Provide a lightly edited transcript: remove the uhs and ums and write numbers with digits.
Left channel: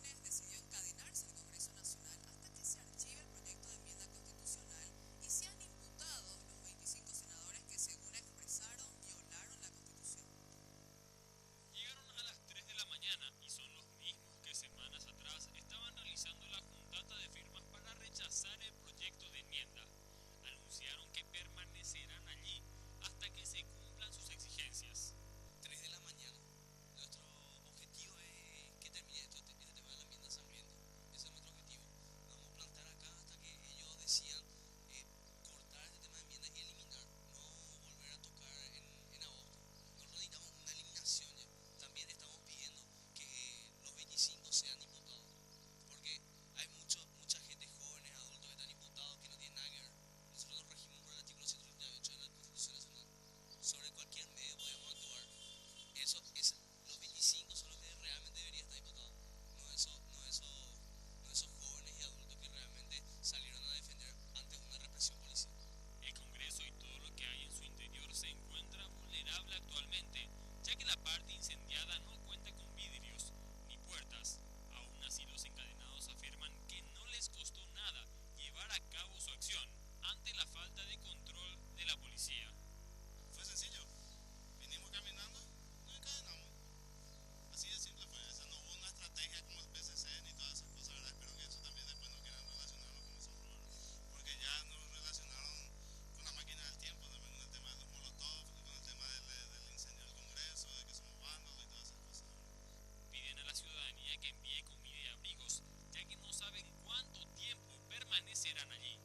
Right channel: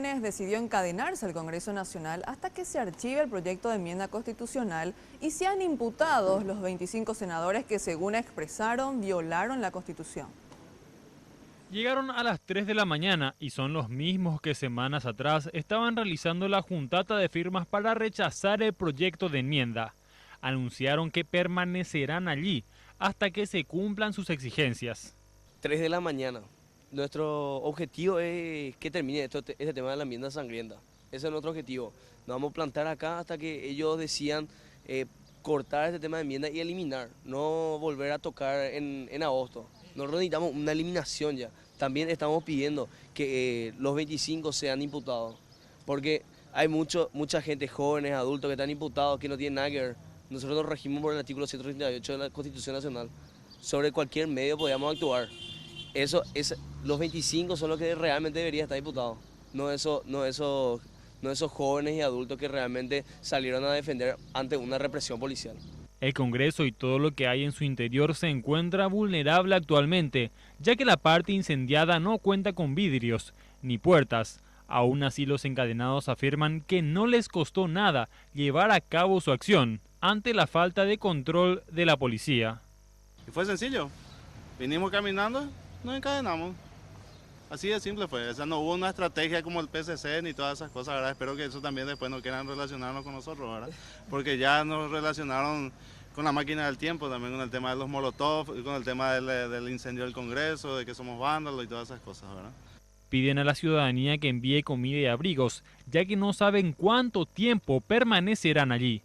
jóvenes decidió encadenarse al Congreso Nacional hasta que se archive el proyecto de enmienda constitucional y sean imputados los 25 senadores que, según expresaron, violaron la Constitución. Llegaron a las 3 de la mañana y son los mismos que semanas atrás estaban realizando la juntata de firmas para rechazar el proyecto de enmienda. Anunciaron que permanecerán allí hasta que se cumplan sus exigencias. 3 de la mañana. Nuestro objetivo es que termine este tema de la enmienda sangrienta. Ese es nuestro objetivo. Nos vamos a plantar acá hasta que ellos decidan cortar este tema de enmienda y eliminar, no volver a tocar en agosto. Nosotros necesitamos una eliminación ya. También estamos pidiendo que los 25 sean imputados, porque hay mucha gente, jóvenes, adultos, que están imputados, que no tienen nada que ver. Nosotros nos regimos por el artículo 138 de la Constitución Nacional. Sobre cualquier medio podíamos actuar. Los 25 son los que realmente deberían estar imputados, no esos jóvenes y adultos que realmente salieron a defender ante una represión policial. El Congreso y todo lo que hay en su interior se encuentra vulnerable actualmente, ya que la parte incendiada no cuenta con vidrios ni puertas. Aún así, los encadenados afirman que no les costó nada llevar a cabo su acción ante la falta de control de la policía. Y fue sencillo, vinimos caminando, nos encadenamos. Así de simple fue, o sea, no hubo una estrategia como el PSC ni todas esas cosas, ¿verdad? Espero que eso también después no quieran relacionarnos con nosotros, ¿verdad? Porque ya nos relacionaron con la máquina del tiempo, también con el tema de los molotov, y con el tema del incendio del Congreso, de que somos vándalos y todas esas cosas, ¿verdad? Piden a la ciudadanía que envíe comida y abrigos, ya que no saben cuánto tiempo permanecerán allí.